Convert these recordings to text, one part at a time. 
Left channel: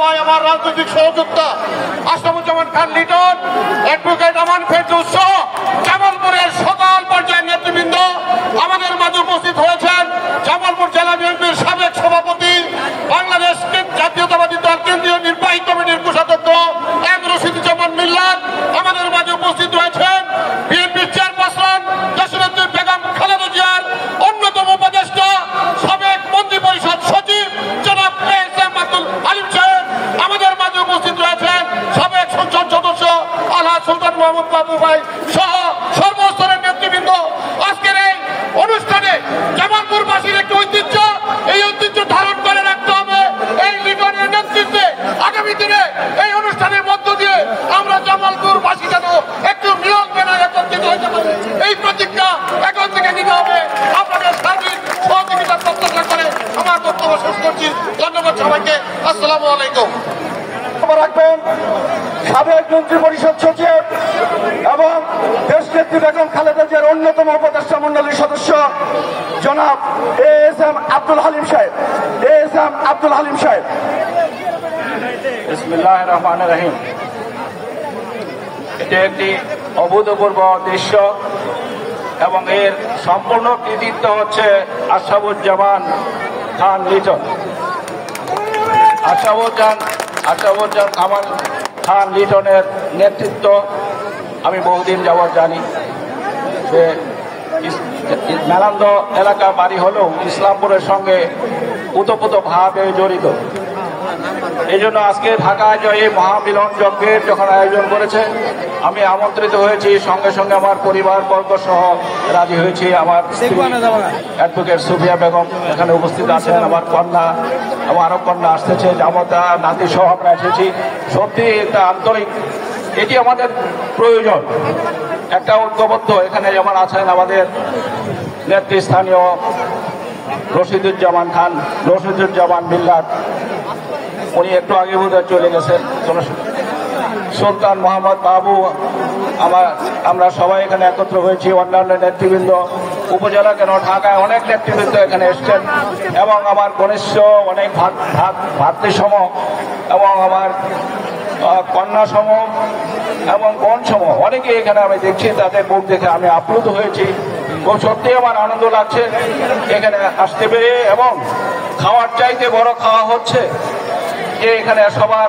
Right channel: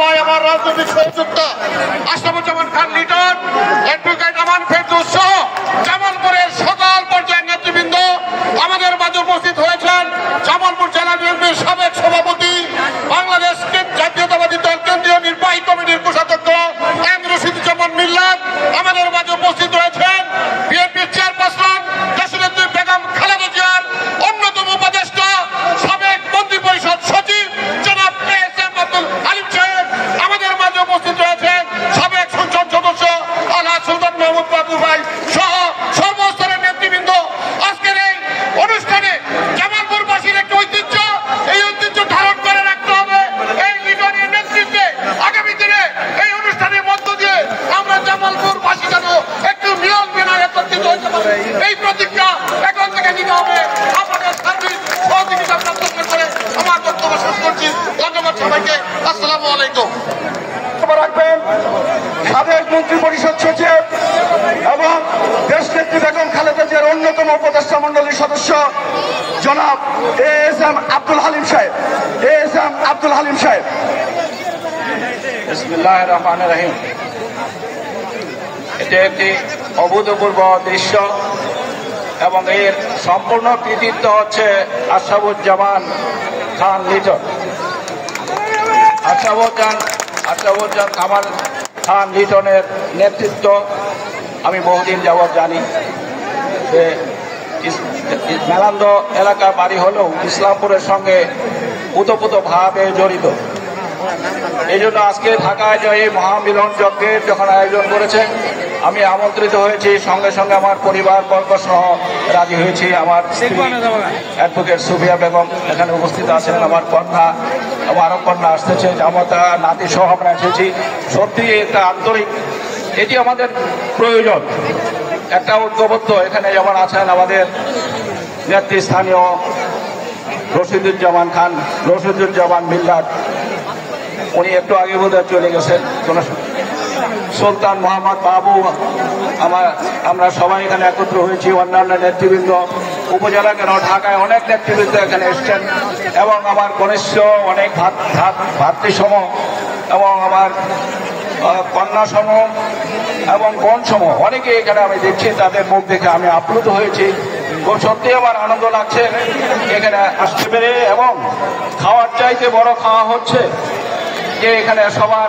ভাই আমার রাজনৈতিক সহযোগিতা আশরাফুজ্জামান খান লিটন, অ্যাডভোকেট আমান ফেরদৌস সহ জামালপুরের সকল পর্যায়ের নেতৃবৃন্দ আমাদের মাঝে উপস্থিত হয়েছেন। জামালপুর জেলা বিএনপির সাবেক সভাপতি, বাংলাদেশ জাতীয়তাবাদী দল কেন্দ্রীয় নির্বাহী কমিটির কোষাধ্যক্ষ এম রশিদুজ্জামান মিল্লাত আমাদের মাঝে উপস্থিত হয়েছেন। বিএনপির চেয়ারপারসন দেশনেত্রী বেগম খালেদা জিয়ার অন্যতম উপদেষ্টা সাবেক মন্ত্রী পরিষদ সচিব জনাব এএসএম আব্দুল হালিম সাহেব আমাদের মাঝে উপস্থিত রয়েছেন। সাবেক সংসদ সদস্য আলহাজ সুলতান মাহমুদ বাবু ভাই সহ সর্বস্তরের নেতৃবৃন্দ আজকের এই অনুষ্ঠানে জামালপুরবাসীর একটি ঐতিহ্য, এই ঐতিহ্য ধারণ করে রাখতে হবে। এই লিটনের নেতৃত্বে আগামী দিনে এই অনুষ্ঠানের মধ্য দিয়ে আমরা জামালপুরবাসী যেন একটু মিলন মেলায় একত্রিত হতে পারি, এই প্রতিজ্ঞা এখন থেকে নিতে হবে। আপনাদের সার্বিক সহযোগিতা প্রার্থনা করে আমার বক্তব্য শেষ করছি। ধন্যবাদ সবাইকে। আসসালামু আলাইকুম। রাখবেন সাবেক মন্ত্রী পরিষদ সচিব এবং দেশনেত্রী বেগম খালেদা জিয়ার অন্যতম উপদেষ্টা মন্ডলীর সদস্য জনাব এএসএম আব্দুল হালিম সাহেব। এএসএম আব্দুল হালিম সাহেব। বিসমিল্লাহির রহমানির রহিম। এটি একটি অভূতপূর্ব দৃশ্য এবং এর সম্পূর্ণ কৃতিত্ব হচ্ছে আশরাফুজ্জামান খান লিটন। আশরাফুজ্জামান কামাল খান লিটনের নেতৃত্ব আমি বহুদিন যাবৎ জানি। সে মেলান্দ এলাকা বাড়ি হলেও ইসলামপুরের সঙ্গে ওতপ্রোতভাবে জড়িত। এই জন্য আজকে ঢাকায় যে এই মহামিলন যজ্ঞের যখন আয়োজন করেছে আমি আমন্ত্রিত হয়েছি, সঙ্গে সঙ্গে আমার পরিবারবর্গ সহ রাজি হয়েছি। আমার অ্যাডভোকেট সুফিয়া বেগম এখানে উপস্থিত আছেন, আমার কন্যা, আমার আরো কন্যা আসতেছে, জামতা নাতি সহ আমরা এসেছি। সত্যি একটা আন্তরিক, এটি আমাদের প্রয়োজন, একটা ঐক্যবদ্ধ। এখানে যেমন আছেন আমাদের নেতৃস্থানীয় রশিদুজ্জামান মিল্লাত, উনি একটু আগে বোধহয় চলে গেছেন, সুলতান মোহাম্মদ বাবু, আমরা সবাই এখানে একত্র হয়েছি। অন্যান্য নেতৃবৃন্দ উপজেলা কেন ঢাকায় অনেক নেতৃবৃন্দ এখানে এসছেন এবং আমার ঘনিষ্ঠ অনেক ভাতৃসম এবং আমার কন্যা সম এবং বোন সম অনেকে এখানে আমি দেখছি, তাদের মুখ দেখে আমি আপ্লুত হয়েছি। তো সত্যি আমার আনন্দ লাগছে এখানে আসতে পেরে, এবং খাওয়ার চাইতে বড় খাওয়া হচ্ছে যে এখানে সবার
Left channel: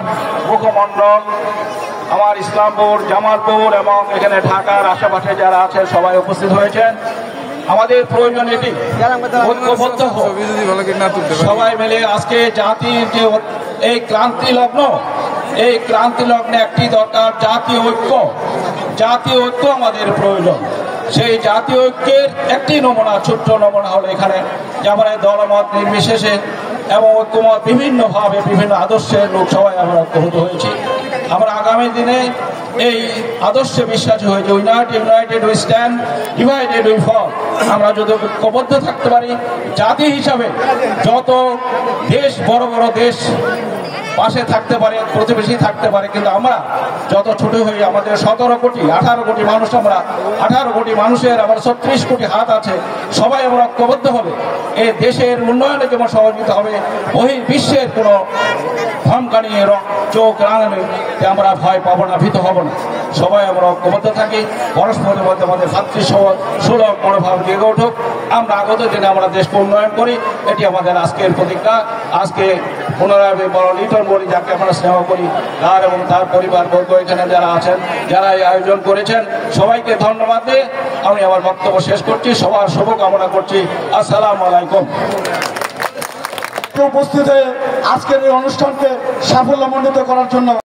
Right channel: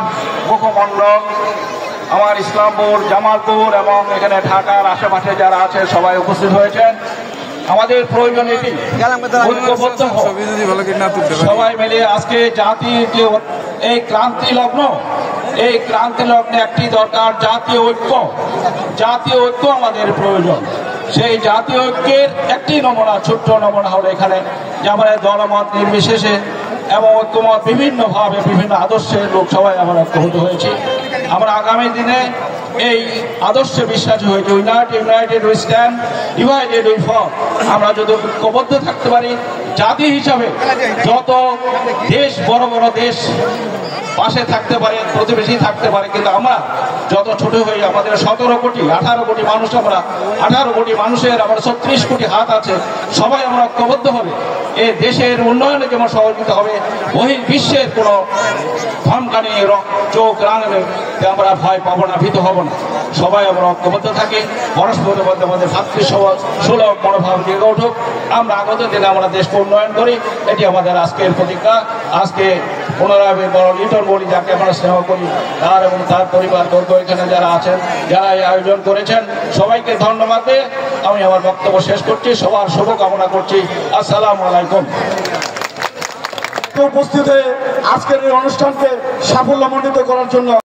মুখমণ্ডল আমার ইসলামপুর, জামালপুর এবং এখানে ঢাকার আশেপাশে যারা আছে সবাই উপস্থিত হয়েছেন। আমাদের প্রয়োজন এটি ঐক্যবদ্ধ সবাই মিলে আজকে জাতির যে এই ক্রান্তি লগ্ন, এই ক্রান্তি লগ্নে একটি দরকার জাতীয় ঐক্য। জাতীয় ঐক্য আমাদের প্রয়োজন। সেই জাতীয় ঐক্যের একটি নমুনা, ছোট্ট নমুনা হলো এখানে যে আমাদের দলমত নির্বিশেষে এবং ঐক্যমত বিভিন্নভাবে বিভিন্ন আদর্শের লোক সবাই আমরা ঐক্যবদ্ধ হয়েছি। আমরা আগামী দিনে এই আদর্শে বিশ্বাসী হয়েছে, united we stand, divided we fall. আমরা যদি ঐক্যবদ্ধ থাকতে পারি জাতি হিসাবে, যত দেশ বড় বড় দেশ পাশে থাকতে পারে, প্রতিবেশী থাকতে পারে, কিন্তু আমরা যত ছোট হই, আমাদের 17 কোটি 18 কোটি মানুষ, আমরা 18 কোটি মানুষের আমাদের 36 কোটি হাত আছে, সবাই আমরা ঐক্যবদ্ধ হবে। এই দেশের উন্নয়নে যেমন সহযোগিতা হবে, বহির্বিশ্বের কোনো ধমকানি চোখ রাঙানো আমরা ভয় পাবো না, ভীত হব না। সবাই আমরা ঐক্যবদ্ধ থাকি, পরস্পরের মধ্যে আমাদের ভাতৃসুলভ মনোভাব জেগে উঠুক। আমরা আগত দিনে আমরা দেশকে উন্নয়ন করি, এটি আমাদের আজকের প্রতিজ্ঞা। আজকে পুনরায় বড় লিটন বলি, যাকে আমরা স্নেহ করি, তার এবং তার পরিবারবর্গ এখানে যারা আছেন, যারা এই আয়োজন করেছেন, সবাইকে ধন্যবাদ দিয়ে আমি আমার বক্তব্য শেষ করছি। সবার শুভকামনা করছি। আসসালামু আলাইকুম। উপস্থিত হয়ে আজকের এই অনুষ্ঠানকে সাফল্যমণ্ডিত করার জন্য